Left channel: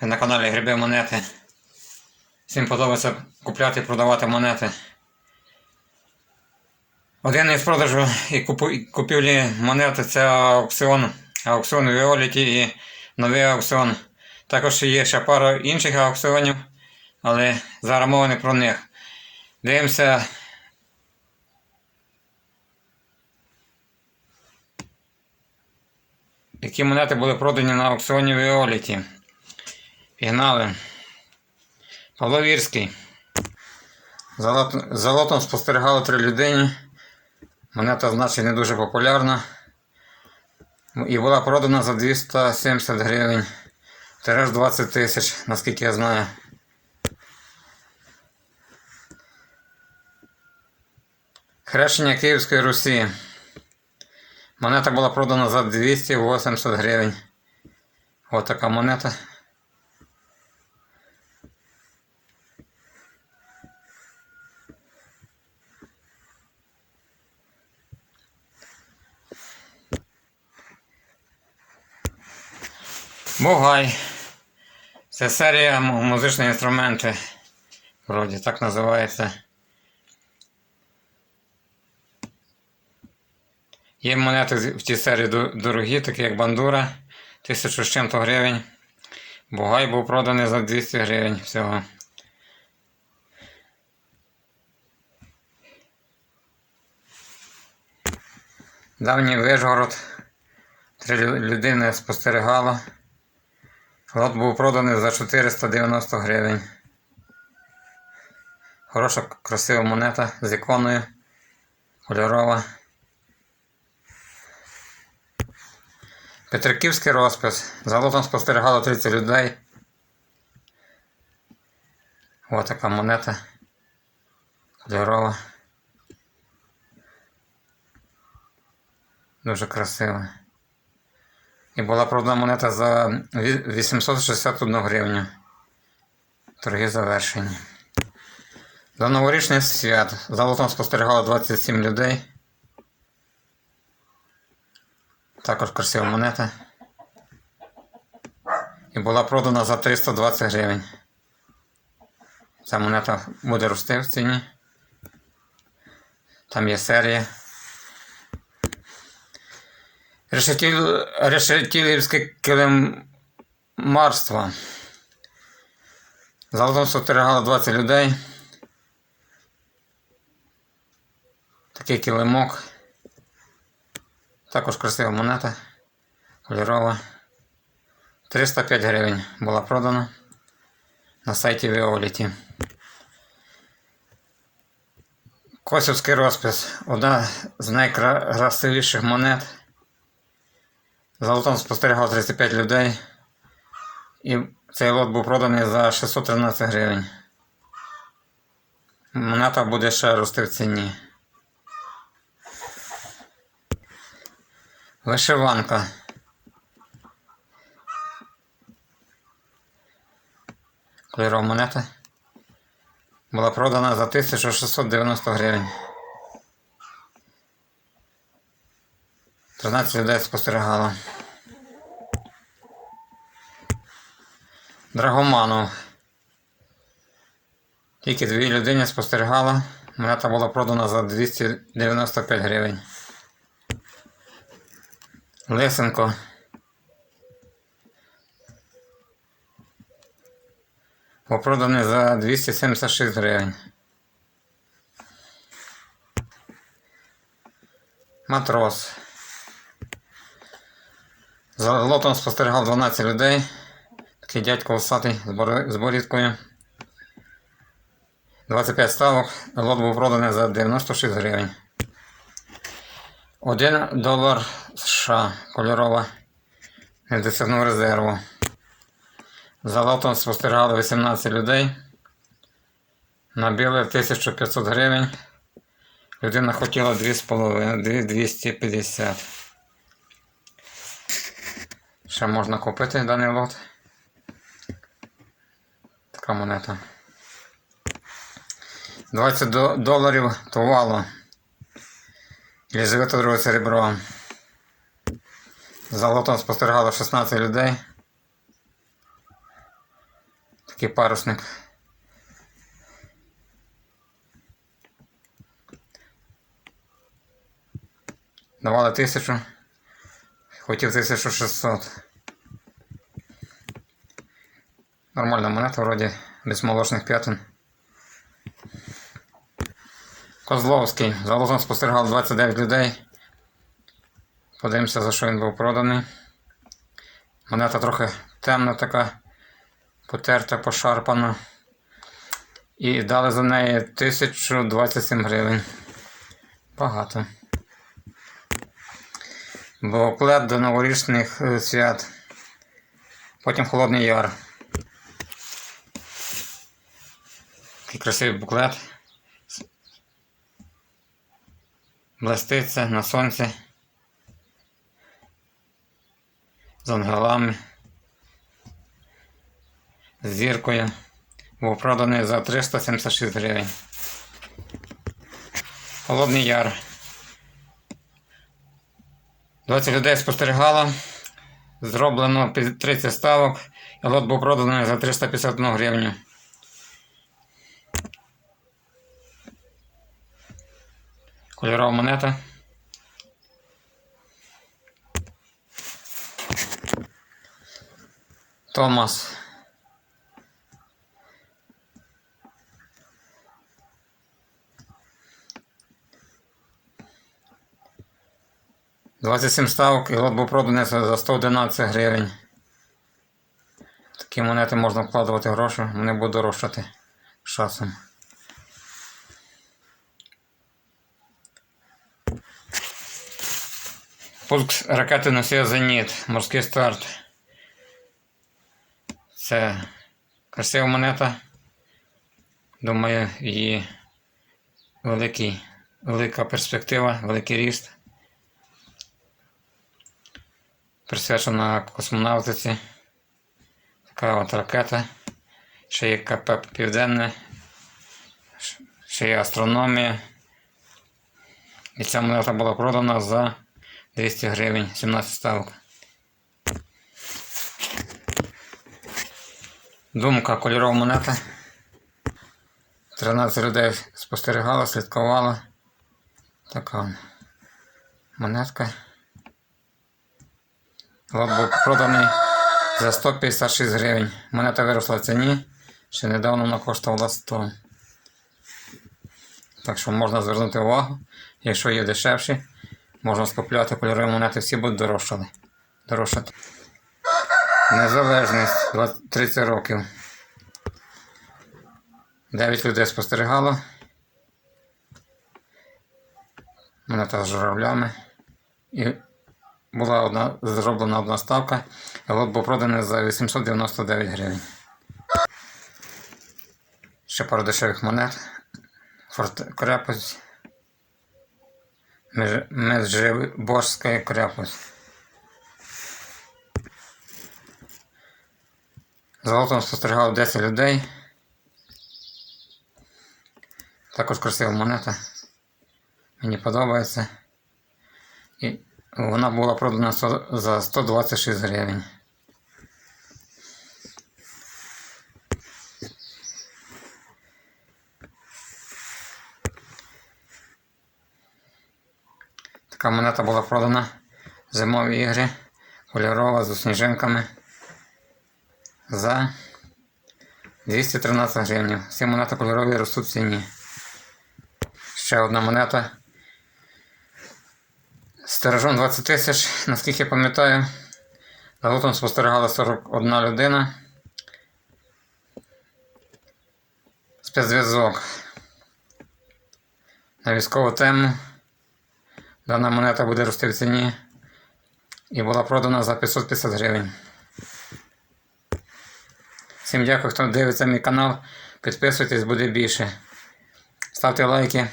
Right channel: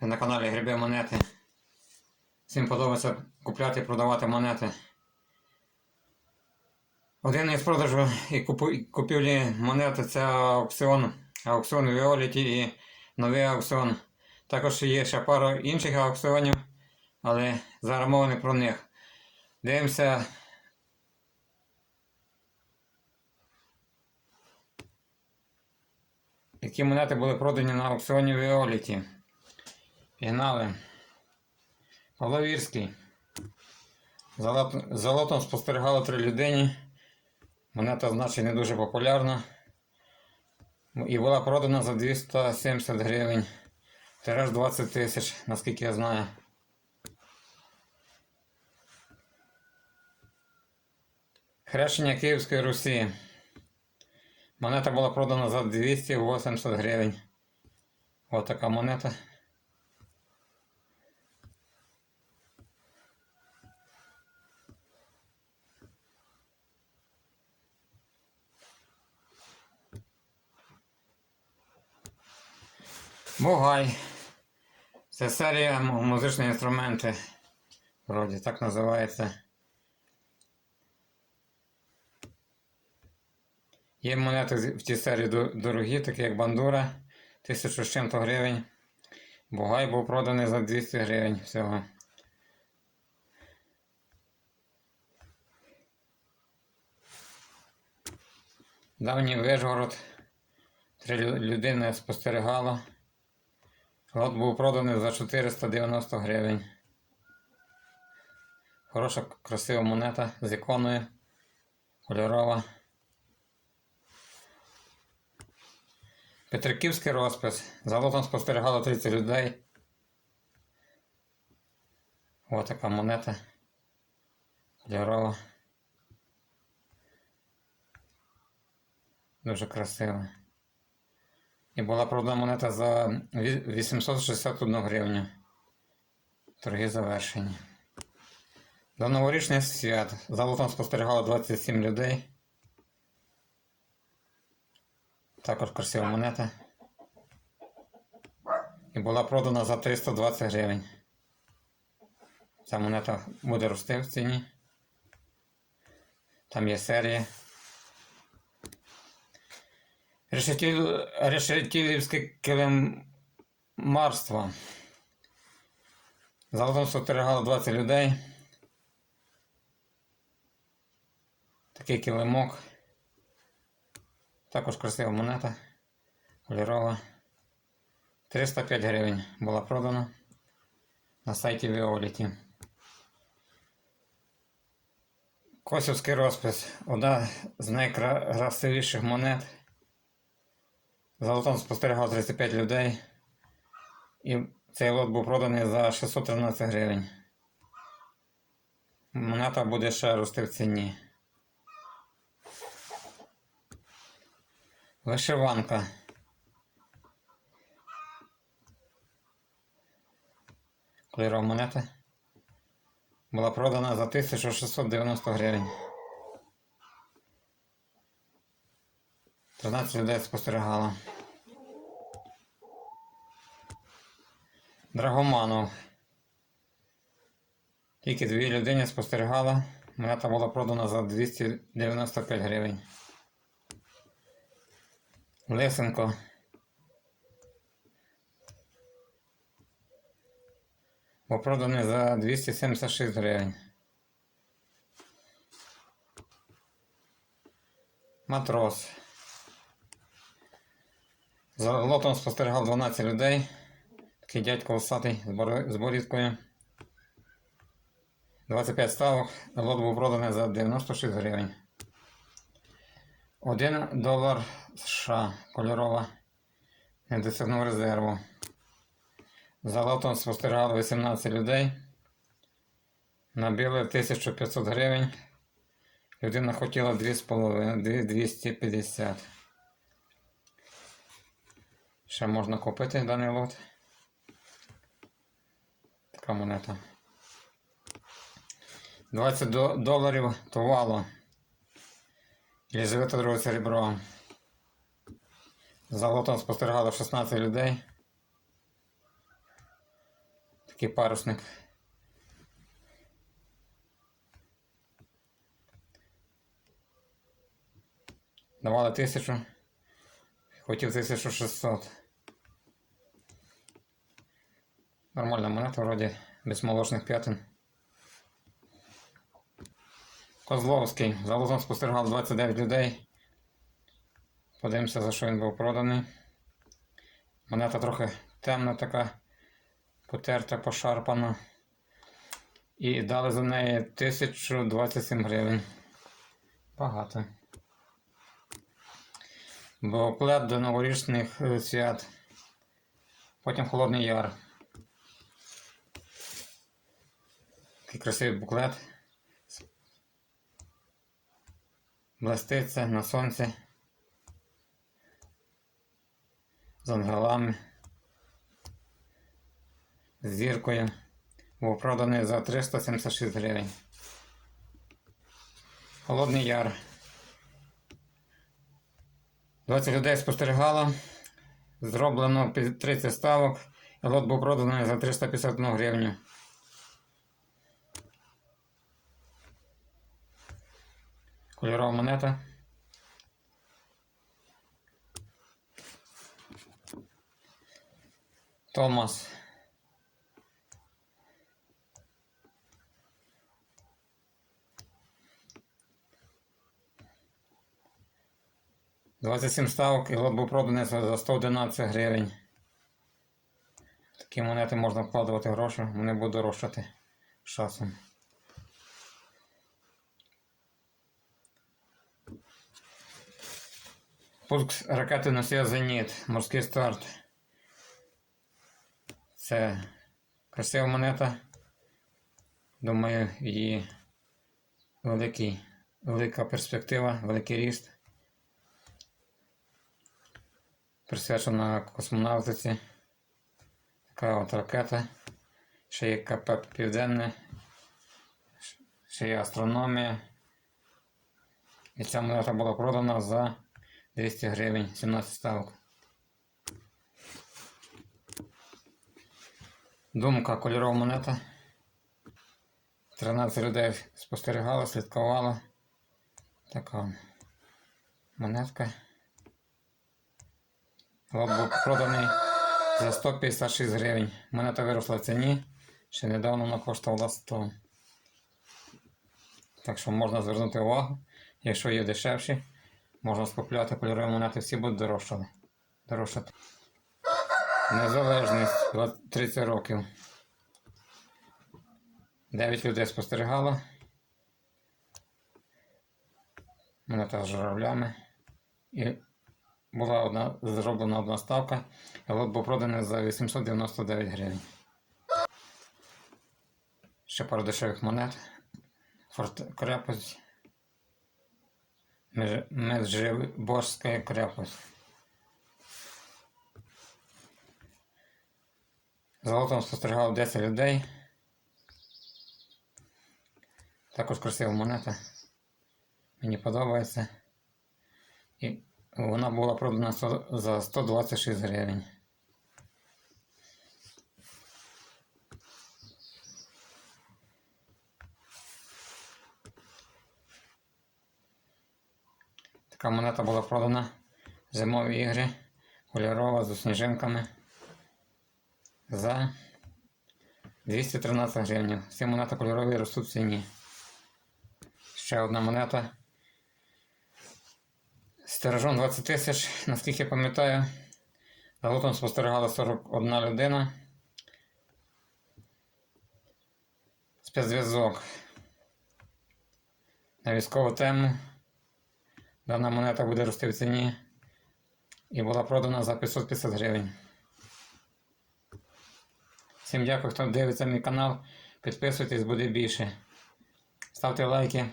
На каналі Гриби Монети. Всім подобається купляти і продавати монети. Один із продажу і купівлі монети це аукціон. Аукціон Віоліті і новий аукціон. Також є ще пара інших аукціонів, але зараз мова не про них. Дивимося. Які монети були продані на аукціоні Віоліті. Пігнали. Павло Вірський. За лот- лотом спостерігало три людини. Монета, значить, не дуже популярна. І була продана за 270 гривень. Тираж 20 тисяч, наскільки я знаю. Хрещення Київської Русі. Монета була продана за 280 гривень. Ось така монета. Бугай. Це серія м- музичні інструменти. Вроді так називається. Є монети в цій серії дорогі, такі як бандура, 1000 з чим-то гривень. Бугай був проданий за 200 гривень всього. Давній Вижгород. Три людини спостерігало. Лот був проданий за 490 гривень. Хороша, красива монета з іконою. Кольорова. Петриківський розпис. За лотом спостерігало 30 людей. Ось така монета. Кольорова. Дуже красива. І була продана монета за 861 гривню. Торги завершені. До новорічних свят за лотом спостерігало 27 людей. Також красива монета. І була продана за 320 гривень. Ця монета буде рости в ціні. Там є серія. Решетіл... Решетілівське килимарство. Золотом спостерігало 20 людей. Такий килимок. Також красива монета. Кольорова. 305 гривень була продана на сайті Віоліті. Косівський розпис. Одна з найкрасивіших монет. Золотом спостерігало 35 людей. І цей лот був проданий за 613 гривень. Монета буде ще рости в ціні. Вишиванка. Кольорова монета. Була продана за 1690 гривень. 13 людей спостерігало. Драгоманов. Тільки дві людини спостерігало. Монета була продана за 295 гривень. Лисенко. Був проданий за 276 гривень. Матрос. За лотом спостерігав 12 людей. Такий дядько усатий з з борідкою. 25 ставок. Лот був проданий за 96 гривень. 1 долар США кольорова. Не досягнув резерву. За лотом спостерігали 18 людей. Набили 1500 гривень. Людина хотіла 2,5, 250. Ще можна купити даний лот. Така монета. 20 до- доларів тувало. Єлизавета друге серебро. За лотом спостерігало 16 людей. Такий парусник. Давали тисячу. Хотів 1600. Нормальна монета, вроді, без молочних п'ятин. Козловський. За лозом спостерігав 29 людей. Подивимося, за що він був проданий. Монета трохи темна така, потерта, пошарпана. І дали за неї 1027 гривень. Багато. Буклет до новорічних е, свят. Потім Холодний Яр. Такий красивий буклет. Блеститься на сонці. З ангелами. З зіркою. Був проданий за 376 гривень. Холодний Яр. 20 людей спостерігало. Зроблено 30 ставок. І лот був проданий за 351 гривню. Кольорова монета. Томас. Двадцять сім ставок і лот був проданий за 111 гривень. Такі монети можна вкладувати гроші, вони будуть дорожчати часом. Пуск ракети носія Зеніт, морський старт. Це красива монета. Думаю, її великий, велика перспектива, великий ріст. Присвячена космонавтиці. Така от ракета. Ще є КП Південне, ще є астрономія. І ця монета була продана за 200 гривень, 17 ставок. Думка кольорова монета. 13 людей спостерігало, слідкувало. Така монетка. Лот був проданий за 156 гривень. Монета виросла в ціні. Ще недавно вона коштувала 100. Так що можна звернути увагу. Якщо є дешевші, можна скупляти кольорові монети, всі будуть дорожчали. дорожчати. Незалежність 20 30 років. 9 людей спостерігало. Монета з журавлями. І була одна, зроблена одна ставка, і лот був проданий за 899 гривень. Ще пару дешевих монет. Крепость. Межиборська крепость. Золотом спостерігав 10 людей. Також красива монета. Мені подобається. І вона була продана за 126 гривень. Така монета була продана зимові ігри, кольорова з сніжинками за 213 гривень. Всі монети кольорові ростуть в ціні. Ще одна монета. Стережом 20 тисяч, наскільки я пам'ятаю. За лотом спостерігала 41 людина. Спецзв'язок. На військову тему. Дана монета буде рости в ціні. І була продана за 550 гривень. Всім дякую, хто дивиться мій канал. Підписуйтесь, буде більше. Ставте лайки.